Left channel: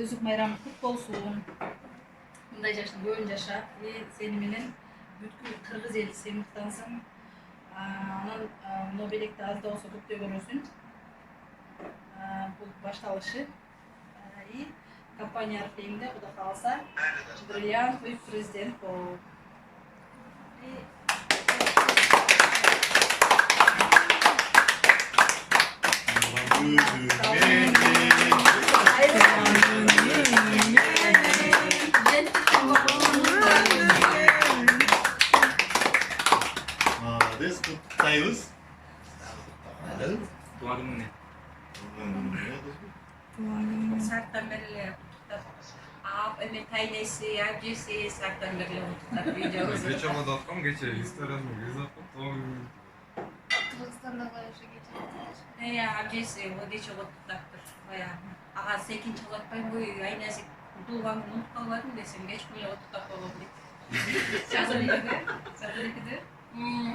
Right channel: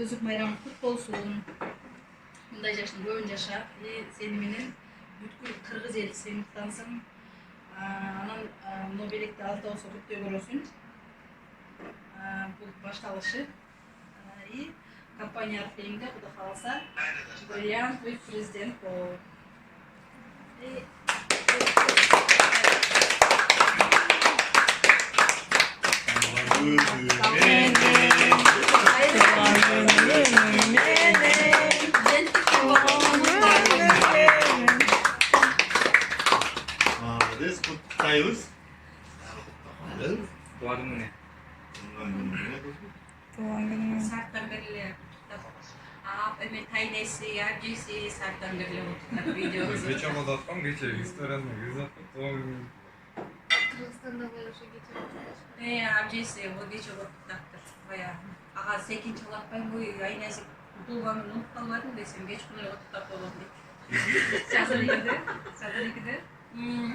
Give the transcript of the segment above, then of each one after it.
Özük bayramı kutlu olsun. Bunday yaşın boyun yaşa. Seni menen bütkül Kırgız elisi mıktansın. Anan Nobel'likte az da olsa kutlu görürsün. Bu başlalışı. İyi. Kampanya arifliğimde bu da kalsa. Brilliant bir prezident ol. Молодец, kutlayız. Doğan günü ne? Doğan günü. Sartan beriyle Taynesi, abisi sartan beriyle videomuz. Geçe kapattım, geçe Instagram'da göz attım. Doğan günü. Kırgızistan'da koyuyorsa geçiyoruz. Ne abisi bu diye çok tuttaktır. Bayağı. Aha sekin çalatmayın bu Aynazik doğan günü unutmadım desin. Geç böyle tuttak olabilir. Sazırlıkıdı.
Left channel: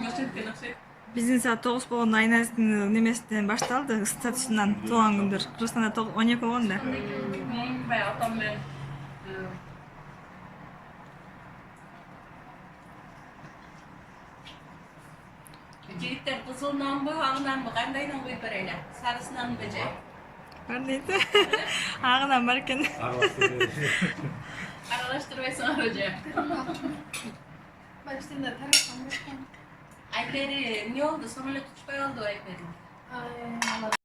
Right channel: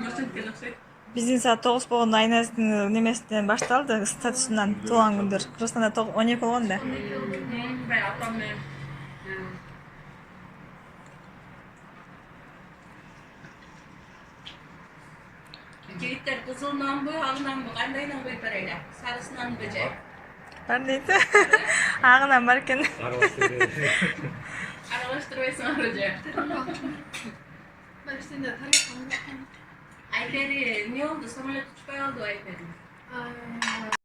Nasıl ki nasıl? Биздин саат 9 болгондо Айназиктин немесинен башталды, статусунан туулган күндөр. Кыргызстанда 12 болгон да. Bayağı tam ben. Çelikler kızılından mı, alından mı, kandayla koyup vereyle. Sarısından mı böcek? Бар дейт. Агынан бар экен. Aralaştırmayasın böcek. Başlayınca tanışmam yok. Ayperi ne oldu? Sonra tutup aldı o Ayperi. Ay,